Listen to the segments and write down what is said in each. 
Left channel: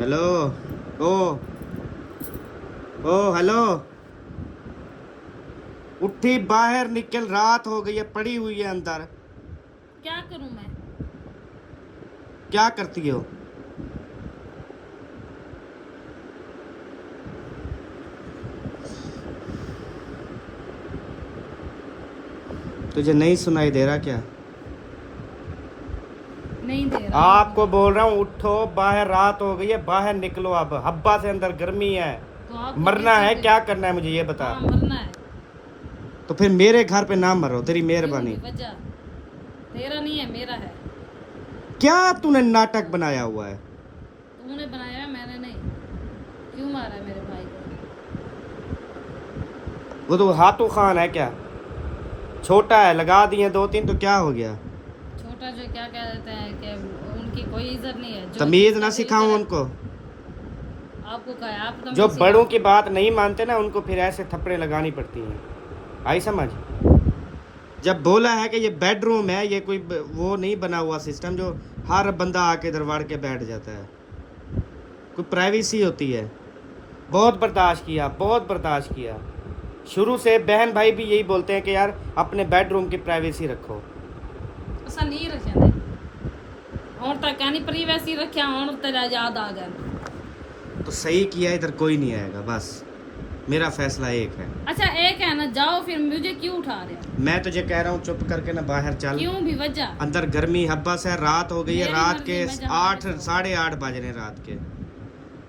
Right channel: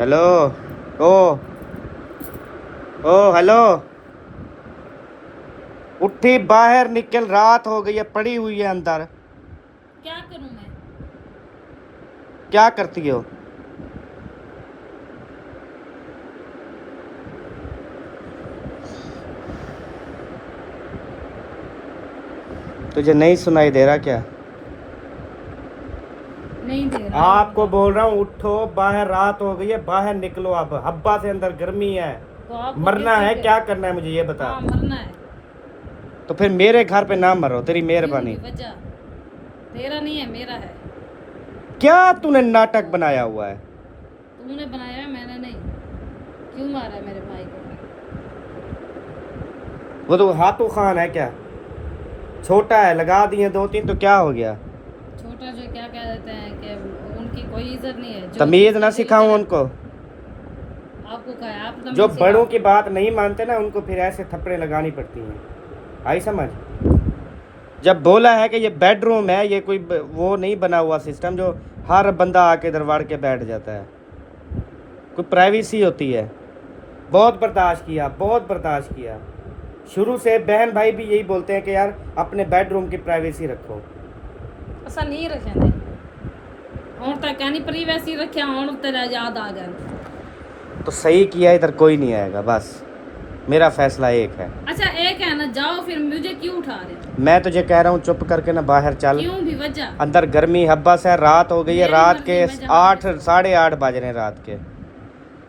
Hello. ओ ओ hello. उठी, बाहर निकल, रात हो गई है, पड़ी हुई है अंदर। क्या करूं मैं? क्या करती हो? तुझे नहीं सुनाई दे रहा क्या? नहीं दे रहा आपको होगा। बोल रहा हूँ, उठो, बाहर रात हो गई है, बाहर निकलो। अब हब्बा से अंदर गर्मी है। तो आपको मरना कैसे है, दे? क्या करना है मुझे ये बता। हाँ, मरना है। तो फिर मेरे घर पे ना मरो, तेरी क्यों मेहरबानी। भी वजह? तेरा नहीं है, मेरा है। क्या तूने नाटक बनाया हुआ है? तूने बनाया है, मैंने नहीं। क्यों मारा है मेरे भाई को? वो तो हाथों खान है क्या? छोटा है, लगा दिए दो तीन तो क्या हो गया? छोटा जो क्या कह देते हैं कि उनकी कोई इज्जत नहीं है, जो तमीज जिसका ना दिल सिखाऊं करे। उनको? आपको कहा है, आप जो तमीज बड़ों सिखाओ। की बात नहीं मानते ना, उनको फिर ऐसे थप्पड़े लगानी पड़ती हैं। आई समझ? जब बोला है कि ये बेडरूम है, ये कोई वो नहीं बना हुआ सिस्टम जो हर बंदा आके दरबार के बैठ जाता है। कोई प्राइवेसी होती है। बहुत बर्दाश्त किया, बहुत बर्दाश्त किया। शुरू से बहन भाई भी यही बोलते हैं कि यार अपने बेडरूम की प्राइवेसी रखो। ऐसा नहीं रखे ने और तक कहनी परी वैसी रखे और तेरा याद आ गया। तो सही किया, इधर कोई नहीं आएगा, बस मेरा फैसला एक है। अच्छा, एक है ना, जाओ, फिर मुझे क्यों उठा रहे हो? मैं तुझे कह रहा हूँ, चुप करके ना बाहर चल। क्यों भी वजह? अंदर गर्मी हब्बस है, रात हो गई है, मेरी रात मर्जी, के मैं जहाँ भी 8 सोऊं। 8:30 बज रहे हैं रात के।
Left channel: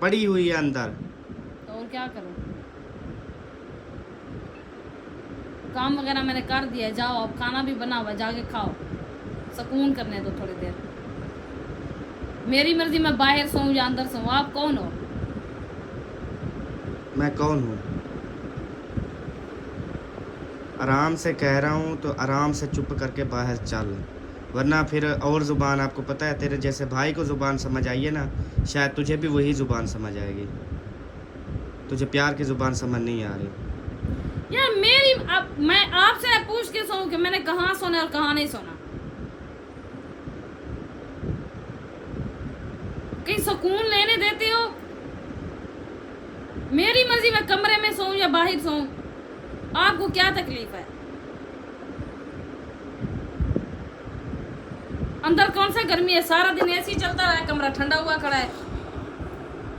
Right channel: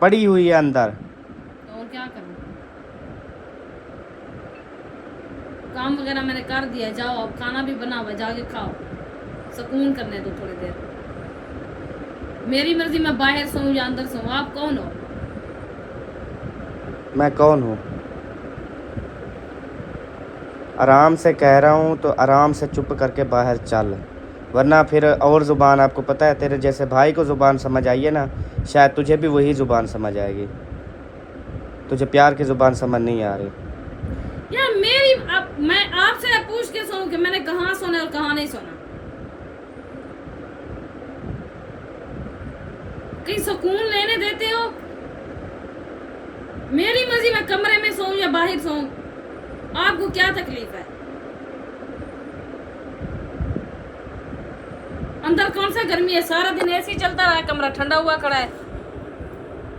पड़ी हुई है अंदर। तो और क्या करूं? काम वगैरह मैंने कर दिया, जाओ, अब खाना भी बना हुआ, जाके खाओ, सुकून करने दो थोड़ी देर। मेरी मर्जी, मैं बाहर सोऊं या अंदर सोऊं, आप कौन हो? मैं कौन हूँ? आराम से कह रहा हूँ तो आराम से चुप करके बाहर चल, वरना फिर और ज़ुबान, आपको पता है, तेरे जैसे भाई को ज़ुबान समझ आई है ना, शायद तुझे भी वही ज़ुबान समझ आएगी। तुझे प्यार की ज़ुबान समझ नहीं आ रही। यार मेरी, अब मैं आपसे पूछ के सोऊं कि मैंने कहाँ सोना और कहाँ नहीं सोना? कहीं सुकून लेने देते हो? मेरी मर्जी, मैं कमरे में सोऊं या बाहर सोऊं, आपको क्या तकलीफ है? अंदर कौन सा गर्मी है? सारा दिन एसी चलता रहा है, कमरा ठंडा हुआ खड़ा है।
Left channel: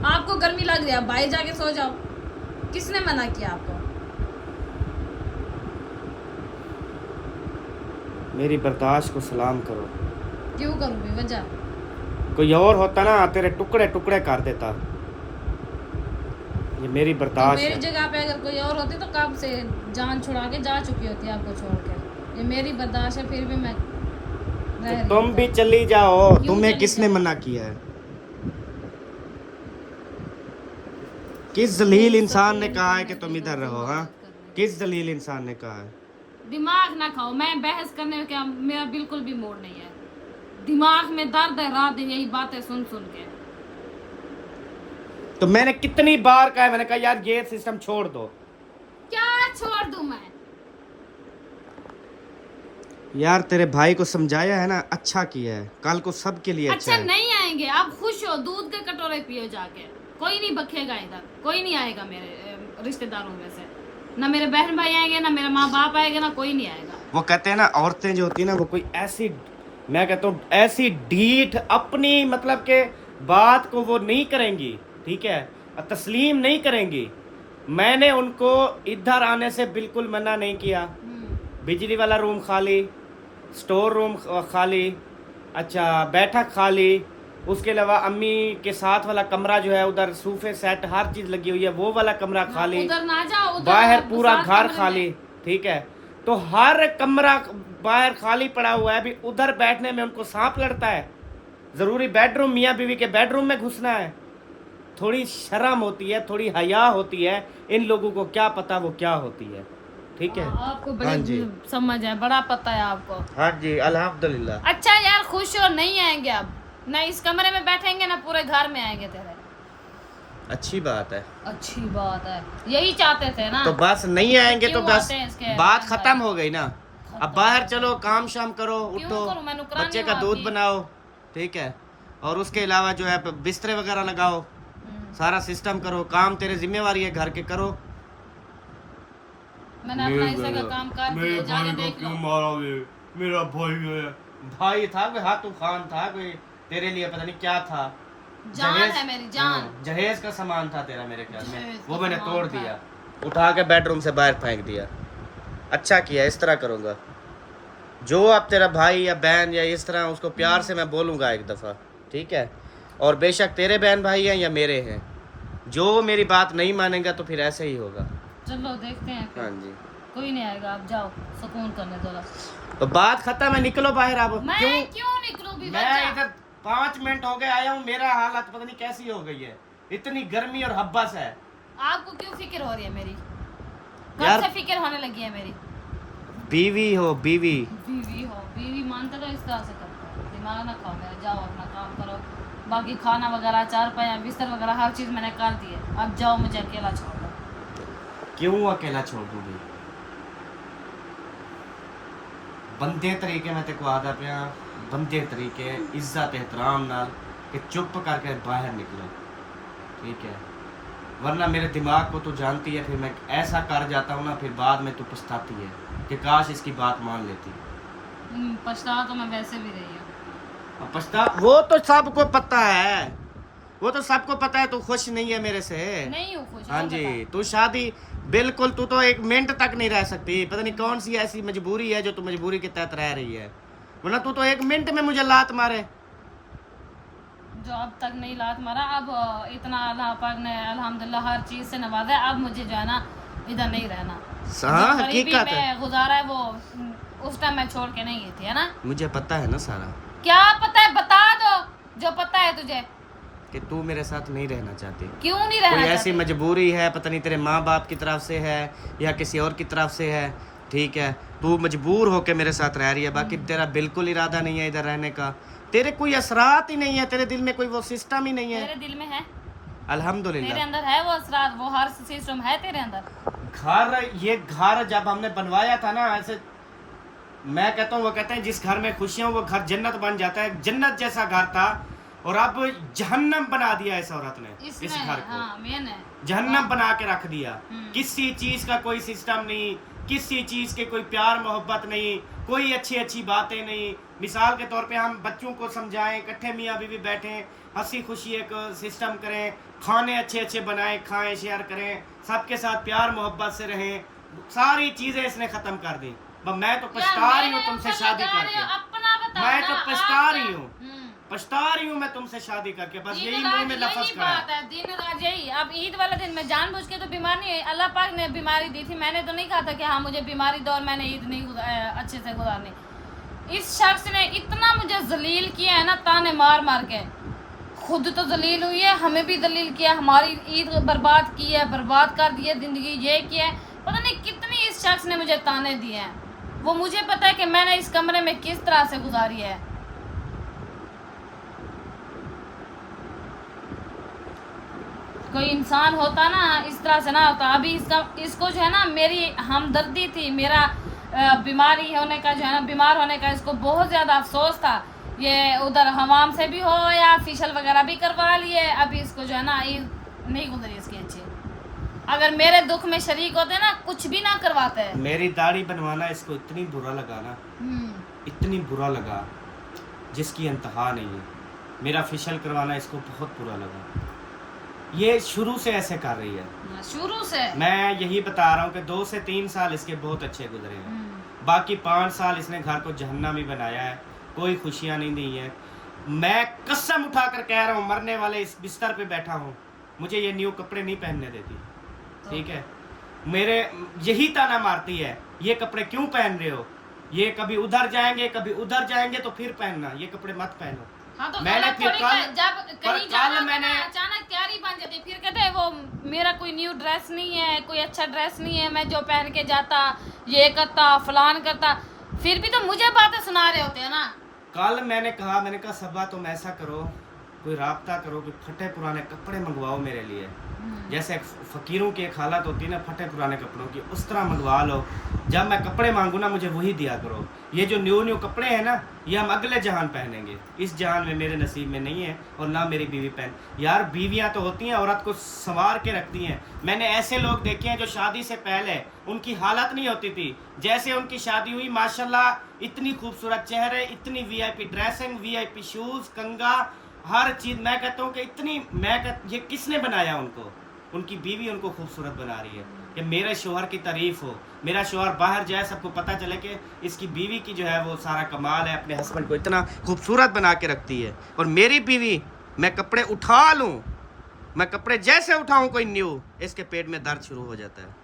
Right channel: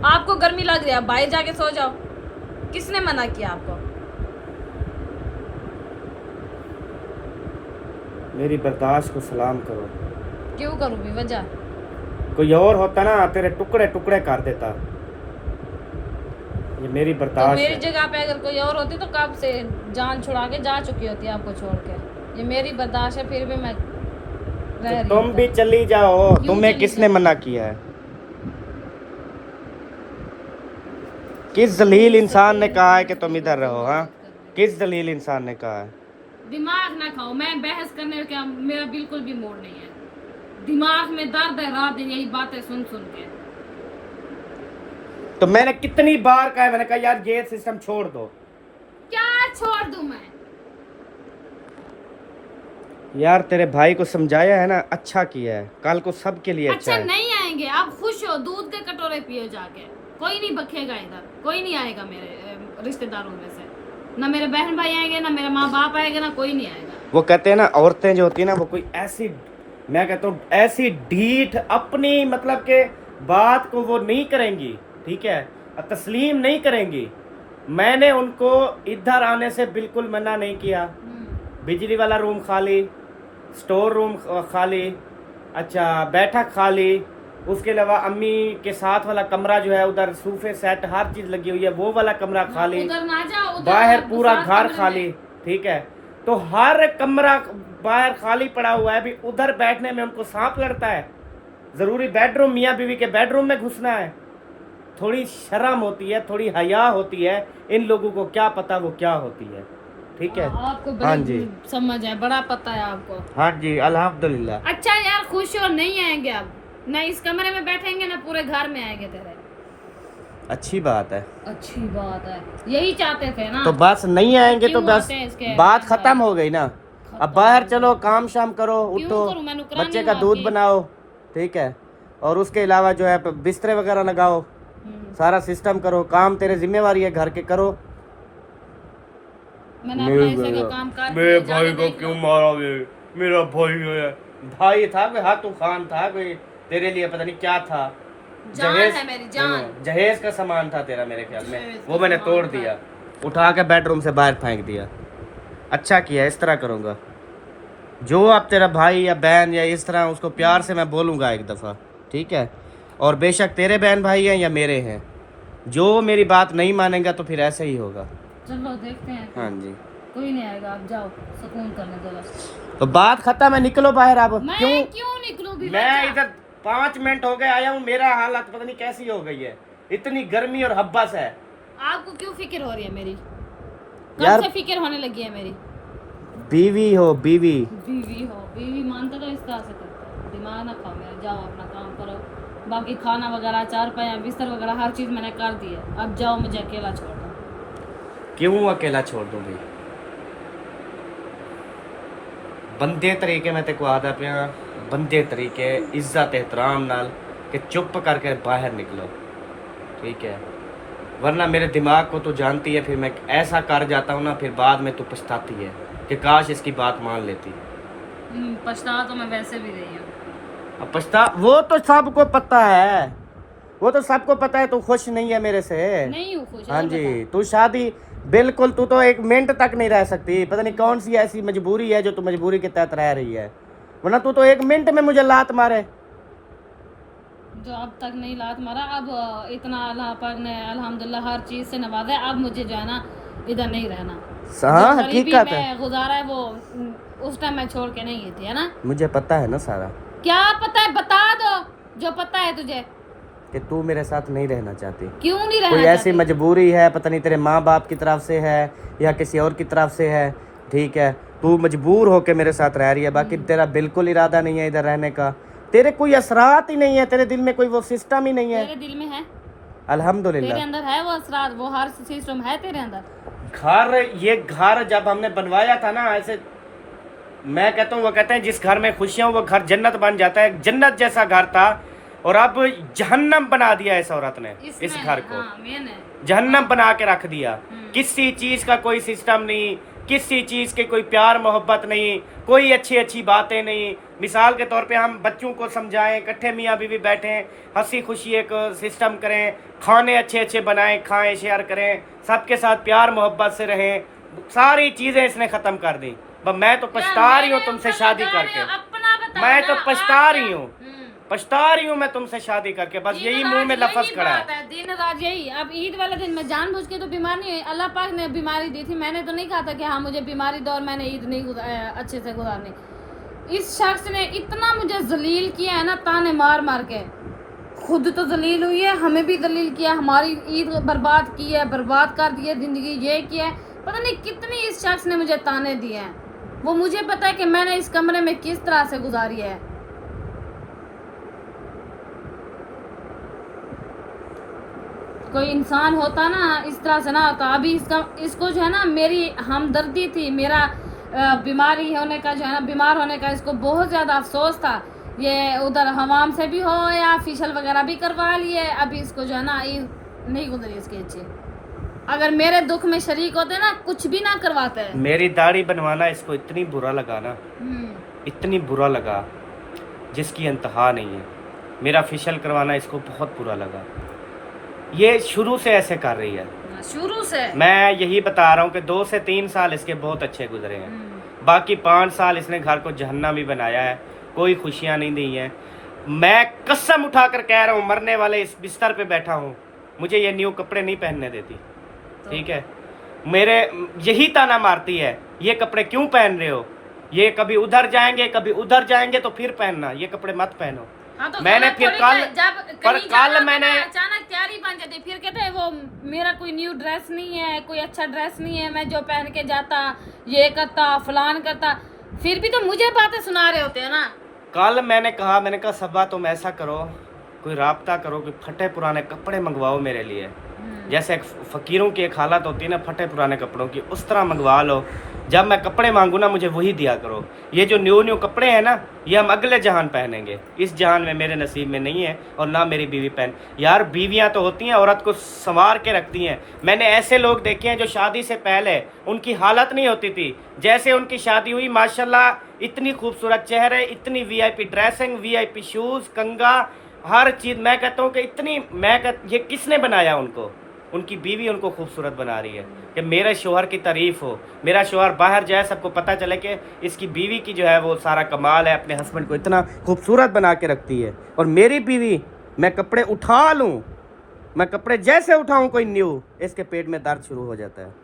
आपको गर्मी लग रही है, बाहर जाके सो जाओ। किसने मना किया आपको? मेरी बर्दाश्त को सलाम करो। क्यों करूं भी वजह? कोई और होता ना, तेरे टुकड़े टुकड़े कर देता। ये मेरी तो बर्दाश्त मेरी है। जगह पे अगर कोई और होती तो कब से जान छुड़ा के जा चुकी होती आपको छोड़ के। ये मेरी बर्दाश्त है, फिर भी मैं तो रह रही तुम हूँ। भी चली जाओ, क्यों तुम्हें चली किसने जाऊं? मना किया है? किस जलील खूब इंसान ने सुकून कहा है कि कमरे तुम में इधर बैठो, रहो? हाँ, इबादत करने। किस जलील इंसान ने कहा है? दिमाग ना खाओ, मैं बहस करने का मेरा बिल्कुल भी मूड नहीं है। दिमाग में दर्द है रात दिन यही बातें सुन सुन के। तो मैंने कितनी बार कहा है, मैंने कहा यार ये सिस्टम छोड़ दो। क्या छोड़ दूं मैं? यार तेरे भाई को समझाया है ना, अच्छा किया है, कल को सबके लिए अच्छा अच्छा, है। नहीं आएंगे? आप खुश हो, दूध के कटोरे पियो जाके। कोई नहीं बखेगा इधर, कोई नहीं आएगा मेरे रिश्तेदारों में से। ना मेरे बहन भाई आएंगे, ना मेरा माँ बाप आएगा, ना कोई नहीं आएगा। वो कहते हैं ना, औरतें जो होती है ना, वो कोई ऐसी, मैं कहता हूँ ऐसी ढीठ अपनी मतलब के बात को वो नहीं करेंगी, ठीक है, तस्लीम नहीं करेंगी। मैंने उनको इधर आने से बिल्कुल मना नहीं किया। बिजली वाला रूम खाली, स्टोर रूम खाली, अच्छा बैठक खाली, उसके अलावा अम्मी के साथ वाला कमरा जो है उधर सोफे सेट हर चीज़ लगी हुई है, वो वाला कमरा ना खाली, उधर ना जाओ, उधर बाहर आप पूरा साथ घर कमरे खाली, में। ठीक है। तो हर कमरा बाहर खाली पड़ा हुआ है, अभी उधर बैठने में उनको सांप लड़ता है। ज़रूरी बेडरूम, मियाँ बीवी के बेडरूम में घुसना है? थोड़ी शर्म होती है, थोड़ी हया होती है। इन लोगों को क्या पता वो क्या होती है, ठीक है। आपको हाँ बड़ी जी, समझ है, बड़ा पता है आपको। हाँ जी, अल्हम्दुलिल्लाह। अच्छा यार, खुश हो, नहीं आएंगे अब। ना इस कमरे में बैठेंगे, ना पूरे घर में आएंगे तेरे। अच्छी बात है। अच्छी बात है, यही चाहते थे ना? तो बस नहीं आएंगे तो क्यों बस आते हैं इसके बात बहन भाई? खत्म हो गई ना। अब खत्म बाहर हो चलो, गई। काम शाम करो, क्यों उठो, करूं? मैं नुकरानी बच्चे हूँ का दूध आपकी? बनाओ, ठीक है, और उसके अलावा जो है बिस्तर वगैरह लगाओ। सारा सिस्टम करो, काम तेरे जिम्मेवारी है घर के करो। मैंने अपने हिस्से का काम कर मेरे दिया, भाई जाके को देख क्यों लो। मारोगे? मेरा भाई है। भाई था कोई हाथू खान था कोई तेरे लिए, पता नहीं क्या था। जान है मेरी जान। जहेज का सामान था तेरा मेरे ख्याल जहेज में, का वो मैंने सामान तोड़ था। दिया, उठा के बेडरूम से बाहर फेंक दिया। अच्छा किया, इस तरह करूँगा। जो अब तेरा भाई या बहन या इस तरह उसको प्यार से मैं बोलूँगा एक दफ़ा, ठीक है? और बेशक तेरे बहन भाई हैं या मेरे हैं, जो मेरी बात नहीं मानेगा तो फिर ऐसे ही होगा। चलो देखते हैं फिर। हाँ जी, कोई नहीं आएगा, आप जाओ सुकून करने दो। तो बात खत्म है, निकलो बाहर अब। मैं क्यों क्यों निकलूं भी? मैं इधर 5 मिनट हो गए आया हूँ, मेरा हालत पता नहीं कैसी हो गई है, इतनी गर्मी और हब्बस है। आपको क्यों फिक्र हो रही है मेरी? यार कब से फिक्र होने लगी है मेरी? बीवी हो बीवी। बीवी हो, बीवी मानते तो इस तरह से करो। दिमाग ना खाओ मेरा, जाओ अपना काम करो। बाकी खाना वगैरह, चारपाई बिस्तर वगैरह हर चीज़ मैंने कर दी है। अब जाओ, मुझे अकेला छोड़ दो। क्यों अकेला छोड़ दूं भाई? बंदे तरीके मैं तेको आदा पिया, बंदे तरीके इज्जत एहतराम नाल कि चुप करके बाहर निकलो, ठीक है? वरना मेरे दिमाग को तो जानती है, फिर मैं ऐसा कर जाता हूँ ना, फिर बाद में तू पछताती है कि काश इसकी बात मान लेती। पछता तो मैं वैसे भी रही हूँ। अब पछता, वो तो सबको पता है, वो तो सबको पता है तू खुश नहीं है मेरे से। नहीं हूँ खुश। हाँ जी, तू शादी बिल्कुल, तू तो एक मिनट तक नहीं रह सकती, पता नहीं कौन सी ऐसी मजबूरी है जो तू मजबूरी के तहत रह रही है, वरना तू तो एक मिनट में मुझे लात मारे। जो अब तक नहीं लात मारा, अब इतना अल्लाह पाक ने अल्हम्दुलिल्लाह हर चीज़ से नवाजा है। अब मुझे जो है ना इधर नहीं रहना। हाँ जो गरीबी हकीकत है, में गुजारा है वो उस टाइम मैं छोड़ के नहीं गई थी, है ना? मुझे पता है ना सारा, क्या पता है? बता दो जो पता है तुझे। कि तू मेरे साथ नहीं रहना चाहती। क्यों नहीं रहना कोई ऐसी चाहती? मजबूरी है, पता नहीं तेरे माँ बाप की तरफ से है या किसी और की तरफ से है, ठीक है? तू मजबूर होके मेरे साथ रह रही है, बाकी तेरा बिल्कुल इरादा नहीं है इधर रहने का, तेरे कोई असरात ही नहीं है, तेरे दिल में कोई वो सिस्टम ही नहीं है। तेरे दिल में है, अल्हम्दुलिल्लाह। तेरे अंदर है वो असरार, वो हर सिस्टम है तेरे अंदर। घर, ये घर जब हमने बनवाया था ना, ऐसे मैं कहता हूँ, वो कहते हैं जिस घर में खुशियां वो घर जन्नत बन जाता है, जन्नत जैसा घर था, और अब जहन्नम बना दिया इस औरत ने इस घर को। हाँ, मेन है। जहन्नम बना के रख दिया। किसी चीज का कोई सिस्टम नहीं, किसी चीज के कोई प्यार मोहब्बत नहीं, कोई अच्छी अच्छी बातें नहीं। मिसाल के तौर पे हम बच्चों को समझाएं, इकट्ठे मियाँ बीवी बैठें, हंसी खुशी एक सिस्टम करें, खाने अच्छे अच्छे बनाएं, खाएं, शेयर करें, सबके साथ प्यार मोहब्बत से रहें, सारी चीजें इसने खत्म कर दी। बस मैं तो पछता रही हूँ तुमसे शादी करके, मैं तो पछता रही हूँ, पछता रही हूँ मैं तुमसे शादी करके, बस यही मुंह में लफ्ज खड़ा है। दिन रात यही। अब ईद वाले दिन मैं जानबूझ के तो बीमार नहीं है, अल्लाह पाक ने बीमारी दी थी, मैंने तो नहीं कहा था कि हाँ मुझे बीमारी दो और मैंने ईद नहीं अच्छे से गुजारनी। इस शख्स ने इतना मुझे जलील किया है ना, ताने मार मार के। खुद तो जलील हुई है, हमें भी जलील किया, हमारी ईद बर्बाद की है, बर्बाद कर दी है जिंदगी, ये किया है, पता नहीं कितनी इस शख्स ने मुझे ताने दिए हैं। वो मुझे पता है कि मैंने इस कमरे में किस तरह से गुजारी है। कोई इंसान होता ना इस तरह से ना होता। अभी इसको जो है ना मेरी हमदर्दी थी, मेरा बीमारी होने का जो है ना, बीमार होने का इसको बहुत ज़्यादा अफसोस था। ये उधर हमाम से भी हो या फेशियल वगैरह भी करवा लिए, अभी इसको जो है ना नहीं गुजरी इसकी अच्छी। अगर मेरे दुख में शरीक होते ना, कुछ भी ना करवाते हैं। मेरी दाढ़ी बनवाना इसको इतनी बुरा लगा ना, इतनी बुरा लगा जिसकी इंतहा नहीं है। मेरा फेशियल करवाना इसको बहुत बुरा लगा। ये शुरू से ऐसे कर रही है, शुरू से। मैं यही बता रहा हूँ कि 2 से 3 साल इसके बहुत अच्छे गुजरे हैं, बाकी 5 साल इसने घर को जहन्नम भी बनाया है, कोई खुशियाँ नहीं दी हैं। मैं कसम उठाकर कह रहा हूँ, मरने वाले इस बिस्तर पे बैठा हूँ, मुझे ये न्यू कपड़े नहीं पहनने देती, ठीक है? मेरे यही ताना मारती है, ये कपड़े क्यों पहन रहे हो, ये कभी उधर जाएंगे कभी उधर जाएंगे तो फिर पहनना, ये कपड़े मत पहनो। हाँ, तो मैंने फिर कल मैंने अचानक तैयारी बन जाती, फिर कहते हैं वो मेरा कोई न्यू ड्रेस नहीं है, कोई अच्छा ड्रेस नहीं है, मैं जो पहन के जाता ये करता फलान करता, फिर भी तो मुझे बातें सुना रहे होते हैं ना। कल मैंने कहा सबा तुम ऐसा करो, कोई राब्ता करो कि फटे पुराने कपड़े मंगवाओ मेरे लिए। जैसे एक फ़कीरों की एक हालत होती है ना फटे पुराने कपड़ों की, उस तरह मंगवा लो। जब मैं कपड़े मांगू ना मुझे वही दिया करो। ये जो न्यू कपड़े हैं ना ये हम अगले जहान पहनेंगे, इस जहान में मेरे नसीब में नहीं है और ना मेरी बीवी पहन। यार बीवियां तो होती हैं औरत को संवार के रखती हैं। मैंने ऐसे लोग देखे हैं जो शादी से पहले उनकी हालत नहीं होती थी, जैसे उनकी शादी हुई माशाल्लाह इतनी खूबसूरत चेहरे, इतनी वीआईपी ड्रेसिंग, वीआईपी शूज़, कंगा, हर चीज़। मैं कहता हूँ कि इतनी ये किसने बनाया उनको? उनकी बीवी उनको खूबसूरत बना रही है कि मेरे शोहर की तारीफ़ हो, मेरा शोहर बाहर जाए सबको पता चले कि इसकी बीवी की जो है वो सारा कमाल है, अपने हस्बैंड को इतना खूबसूरत बना के रखती है। और मेरी बीवी, मैं कपड़े उठा लूँ, मैं कपड़े जैसे उठाऊँ कोई न्यू, इसके पेट में दर्द शुरू हो जाता है।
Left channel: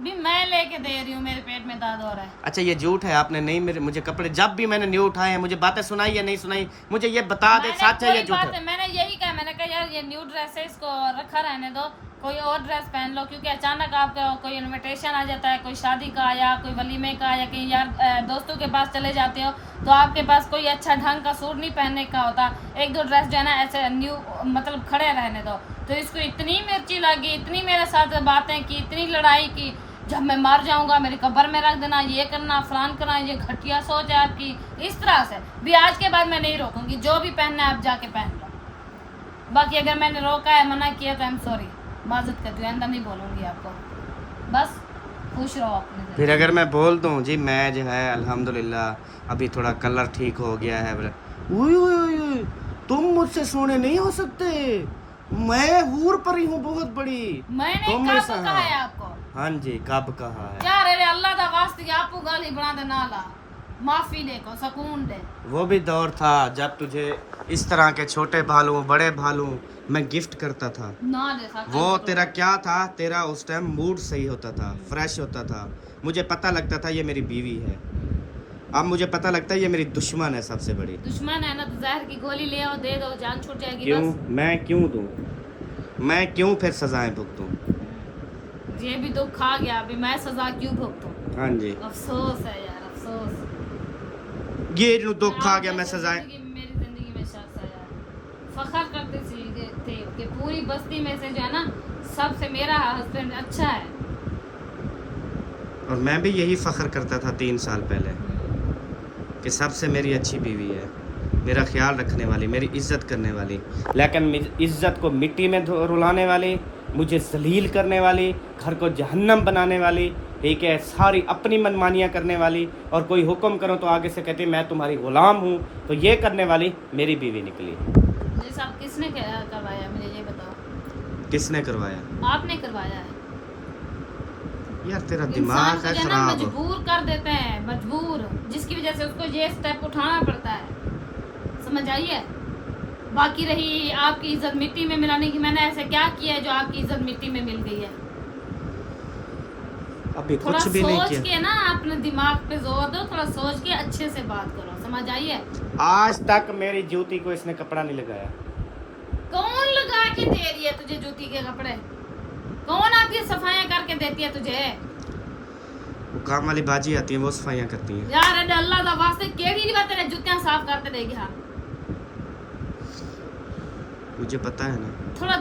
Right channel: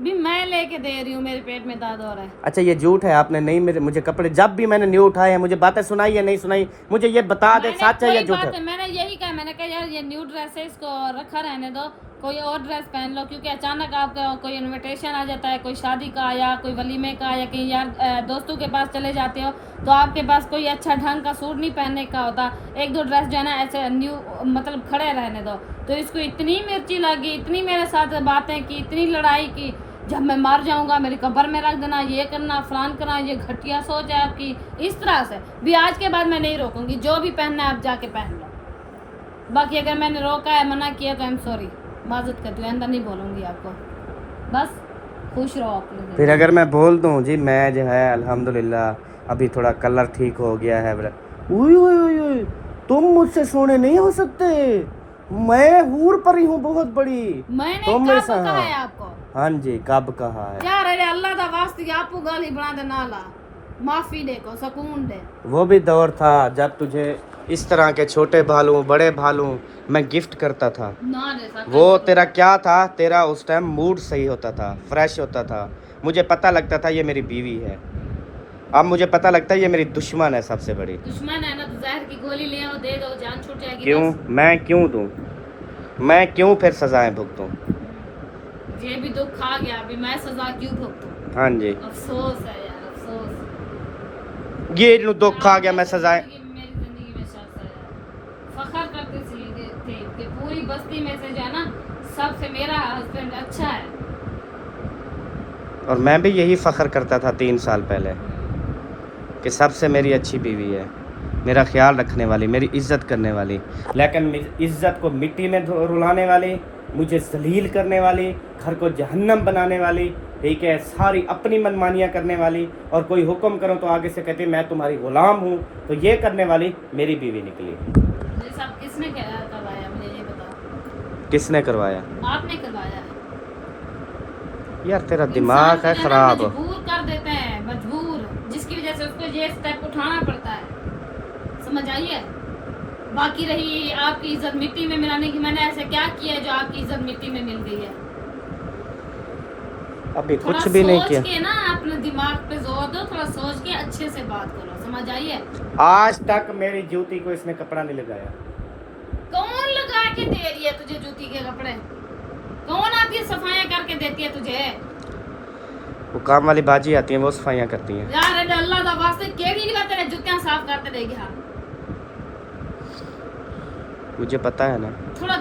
भी मैं लेके दे रही हूँ, मेरे पेट में दर्द हो रहा है। अच्छा ये झूठ है, आपने नहीं मुझे कपड़े जब भी मैंने न्यू उठाए हैं मुझे बातें सुनाई या नहीं सुनाई, मुझे ये बता दे सच है या झूठ है। मैंने यही कहा, मैंने कहा यार ये न्यू ड्रेस है, इसको रखा रहने दो, कोई और ड्रेस पहन लो, क्योंकि अचानक आपका कोई इनविटेशन आ जाता है, कोई शादी का या कोई वलीमे का या कहीं यार दोस्तों के पास चले जाते हो तो आपके पास कोई अच्छा ढंग का सूट नहीं पहनने का होता। एक दो ड्रेस जो है ना ऐसे न्यू मतलब खड़े रहने दो। तो इसको इतनी मिर्ची लगी, इतनी मेरे साथ बातें की, इतनी लड़ाई की, जब मैं मर जाऊंगा मेरी कब्र में रख देना, ये करना फलान करना, ये घटिया सोच है आपकी। इस तरह से भी आज के बाद मैं नहीं रोकूंगी, जो भी पहनना है आप जाके पहन लो। बाकी अगर मैंने रोका है, मना किया तो आई एम सॉरी, माजत करती हूँ, अंदर नहीं बोलूंगी आपको। बस खुश रहो अपने। फिर अगर मैं बोल दूं जी मैं जो है अल्हम्दुलिल्लाह अभी थोड़ा कलर ठीक हो गया है, तुम मुझसे सोने नहीं हो सकते, मैं हूर परी हूँ बहुत बड़ी, मैंने तुम मेरे कब कहा साथ। है आपको? हाँ जी कब कहा है यार अरे अल्लाह दा वास्ते आपको गाली बना दे, नाला माफी दे को सुकून दे। वो भी दौर था जब तुझे इस तरह के छोटे भालू बड़े भालू मैं गिफ्ट करता था। ना दे सकते वो तेरा क्या था, तेरा उस टाइम मूड सही होता था, फ्रेश होता था, मुझे पता लगता था ये मेरी बीवी है। अब मुझे पता लगता है ये मेरी दुश्मन है, सबसे बड़ी दुश्मन है ना तो जहर की गोली ले आओ, दे दो, जान छूट जाएगी। क्यों बस। मैं क्यों दूं, मैं क्यों फिर सजाएं भुगतूं? ये भी दुख खा गया, अभी मैं सजा क्यों भुगतूं? हाँ जी अफसोस है यार, अफसोस। ये जो दुख खा गया मैं सजाएं। मेरी जिंदगी में शख्स है यार, फखर करते थे कि पूरी बस्ती में से जो है ना सबसे मेरा हस्बैंड अच्छा है। और मैं भी यही फख्र करता था 3 साल पहले कि सबसे मेरी अच्छी बीवी है, मेरा ख्याल रखने वाली, मेरी इज्जत करने वाली। लेकिन इज्जत को मिट्टी में रुलाने वाली, मुझे जलील करने वाली, घर को जहन्नम बनाने वाली, ठीक है, सारी अपनी मनमानियाँ करने वाली, और कोई हुक्म करो तो आगे से कहते मैं तुम्हारी गुलाम हूँ, तो ये करने वाली मेरी बीवी निकली। ये सब किसने करवाया, मुझे ये बताओ। किसने करवाया? आपने करवाया है यार तेरा दिमाग है खराब। मजबूर कर देते हैं, मजबूर, जिसकी वजह से उसको ये स्टेप उठाना पड़ता है, समझ आइए। बाकी रही आपकी इज्जत मिट्टी में मिलाने की, मैंने ऐसे क्या किया जो आपकी इज्जत मिट्टी में मिल गई है? अभी कुछ भी नहीं किया। सोच के ना अपने दिमाग पे जोर दो, थोड़ा सोच के अच्छे से बात करो, समझ आइए। आज तक मेरी जूती को इसने कपड़ा नहीं लगाया। कौन लगा के दे रही है तुझे जूती के कपड़े? कौन आपकी सफाइयां करके देती है तुझे? वो काम वाली बाजी आती है, वो सफाइयाँ करती हैं। यार अल्लाह दा वास्ते केड़ी नहीं बात है, जूतियां साफ करते रहेगी। हाँ मुझे पता है ना। थोड़ा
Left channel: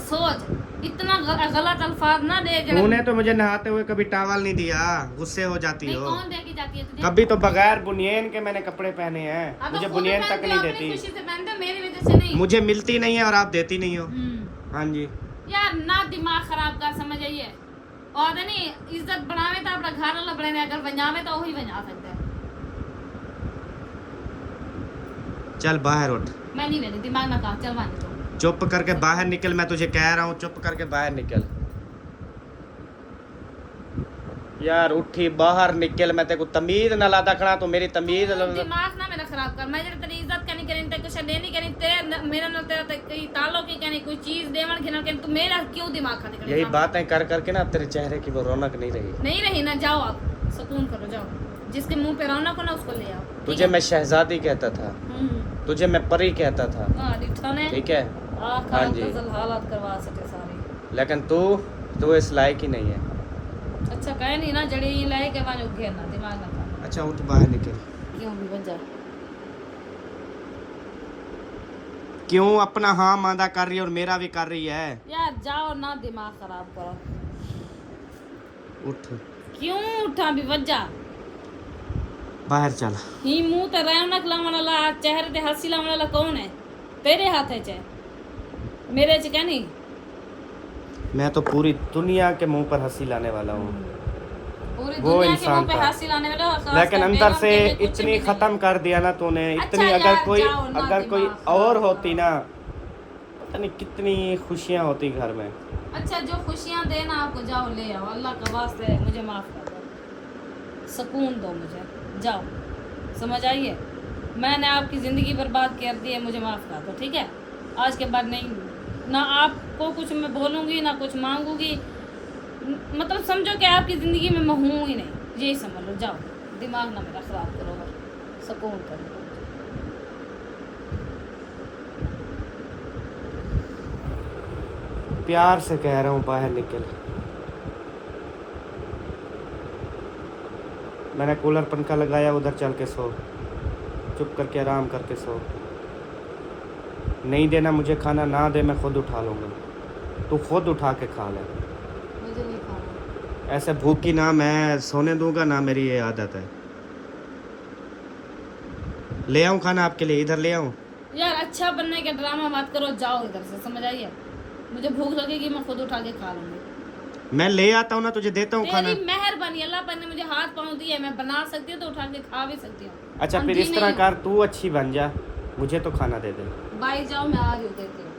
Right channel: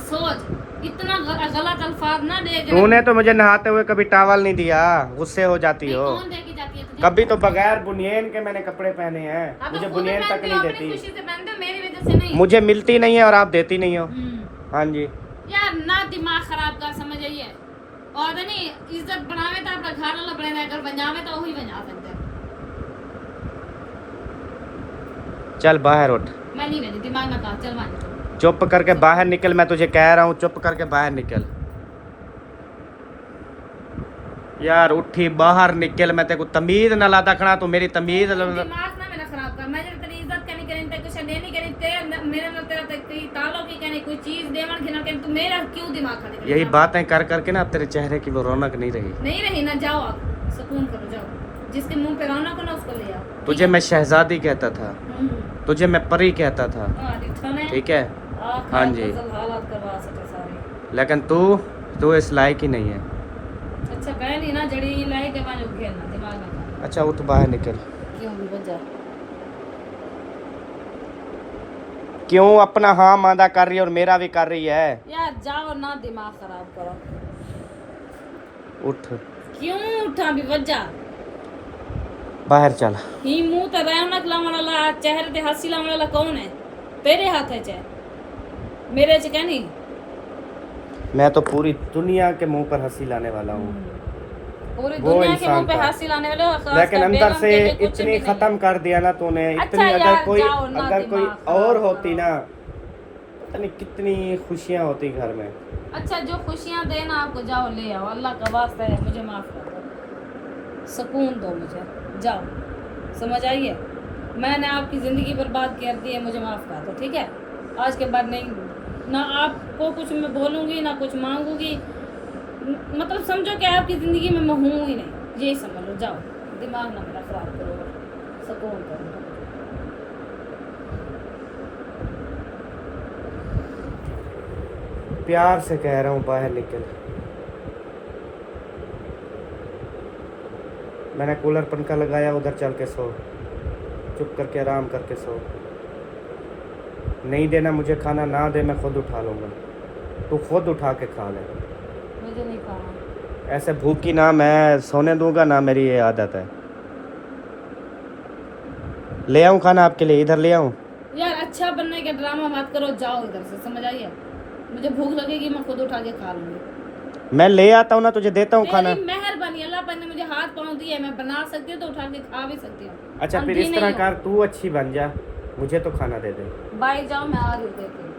सोच, इतना गलत अल्फाज ना दे। तूने तो मुझे नहाते हुए कभी टॉवल नहीं दिया, गुस्से हो जाती हो। कौन दे के जाती है तुझे? कभी तो बगैर बुनियान के मैंने कपड़े पहने हैं, मुझे बुनियान तक नहीं देती। खुशी से पहनते हो, मेरी वजह से नहीं। मुझे मिलती नहीं है और आप देती नहीं हो। हाँ जी यार ना दिमाग खराब कर, समझ आइए। और नहीं इज्जत बढ़ावे तो अपना घर वाला बढ़े, अगर बजावे तो वही बजा सकते हैं। चल बाहर उठ। मैं नहीं रहती, दिमाग ना खा, चल मान तो। चुप करके बाहर निकल, मैं तुझे कह रहा हूँ चुप करके बाहर निकल। यार उठी बाहर निकल, मैं तेरे को तमीज ना ला दखना, तो मेरी तमीज दिमाग ना मेरा खराब कर। मैं तेरी इज्जत करनी करी, ते कुछ नहीं करी, ते मेरे नाल तेरा ते कोई तालो की कहनी, कोई चीज देवन घिनल कहनी, तू मेरा क्यों दिमाग खाली करी? यही बातें कर करके ना तेरे चेहरे की वो रौनक नहीं रही। नहीं रही ना, जाओ आप सुकून करो, जाओ। जिसके मुंह पे रौनक हो ना उसको ले आओ। तुझे मैं शहजादी कहता था, तुझे मैं परी कहता था, ठीक है? हाँ जी। हालात करवा सके सारे। लेकिन तू इस लायक ही नहीं है। अच्छा कहे नहीं ना, जड़ी लायक है बाजू घेरना, दिमाग ना खा। अच्छा उठ बाहर निकल। क्यों भी बजा? क्यों अपना हाँ मादा कर रही है और मेरा भी कर रही है? यार जाओ ना, दिमाग खराब करो। उठ, क्यों उठा भी वजह बाहर चल। ही मुंह ते रौनक लावन वाला, चेहरे ते हंसी लावन वाला कौन है? तेरे हाथ है चे, मेरे च क्या नहीं। मैं तो पूरी दुनिया के मुंह पर हंसी लाने वाला हूँ। पूरी वो दुनिया के इंसान मुंह पे था। हंसी लाने वाले हो, खास लेकिन कर अंदर बेगम से के लिए कुछ इतनी भी नहीं। खत्म कर दिया ना तूने, इतनी। अच्छा अगर यार, कोई जाओ ना, अगर कोई दिमाग और खराब होती करो। ना, पता नहीं कितनी खुशियां होती घर में। अच्छा, जो खुशियां देना आपको, जाओ ले आओ, अल्लाह का वास्ता है, मुझे माफ कर दो, सुकून दो मुझे, जाओ। समझ आई है? मैंने आपकी ज़िंदगी बर्बाद कर दी है, मुझे माफ़ कर दो, ठीक है? आज के बाद नहीं, ना आपको कुछ मैं बोलूँगी ना कुछ मांगूंगी। मतलब समझो कि आपकी ज़िंदगी में मैं हूँ ही नहीं, यही समझ लो। जाओ, दिमाग ना मेरा ख़राब करो, सुकून करो। प्यार से कह रहा हूँ बाहर निकल। मैंने कूलर पंखा लगाया, उधर चल के सो, चुप करके आराम करके सो। नहीं देना मुझे खाना, ना दे मैं खुद उठा लूँगा, तू खुद उठा के खा ले। मुझे नहीं खाना। ऐसे भूखी ना मैं सोने दूंगा ना, मेरी ये आदत है। ले आऊँ खाना आपके लिए? इधर ले आऊँ? यार अच्छा बनने के ड्रामा मत करो, जाओ इधर से, समझ आई है? मुझे भूख लगेगी, मैं खुद उठा के खा लूँगी। मैं ले आता हूँ ना, तुझे देता हूँ खाना। तेरी मेहरबानी, अल्लाह पाक ने मुझे हाथ पाँव दिए, मैं बना सकती हूँ तो उठा के खा भी सकती हूँ। अच्छा फिर इस तरह कर, तू अच्छी बन जा, मुझे तो खाना दे दे। बाई जाओ, मैं आ रही हूँ, देती हूँ।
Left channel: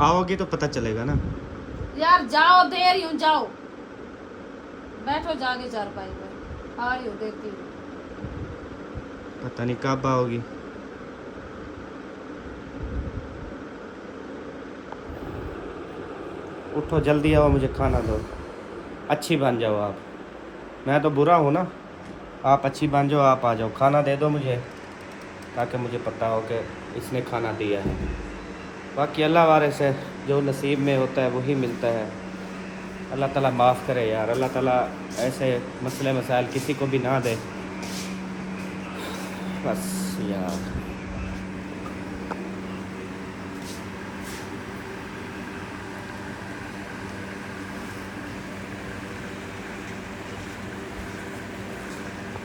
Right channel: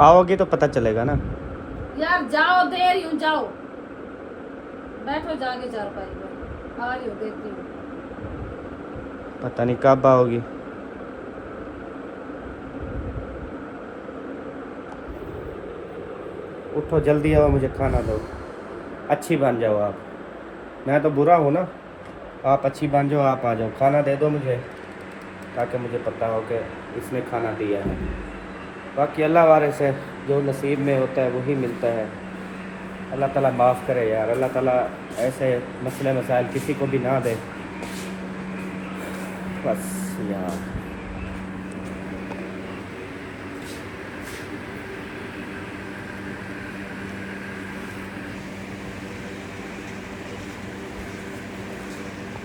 आओगी तो पता चलेगा ना। यार जाओ, दे रही हूँ, जाओ बैठो जाके चारपाई पर, आ रही हूँ, देखती हूँ। पता नहीं कब आओगी। उठो जल्दी आओ, मुझे खाना दो, अच्छी बन जाओ आप। मैं तो बुरा हूँ ना, आप अच्छी बन जाओ, आप आ जाओ, खाना दे दो मुझे, ताकि मुझे पता हो कि इसने खाना दिया है। बाकी अल्लाह वाले से जो नसीब में होता है वही मिलता है। अल्लाह ताला माफ़ करे यार, अल्लाह ताला ऐसे मसले मसाइल किसी को भी ना दे बस यार।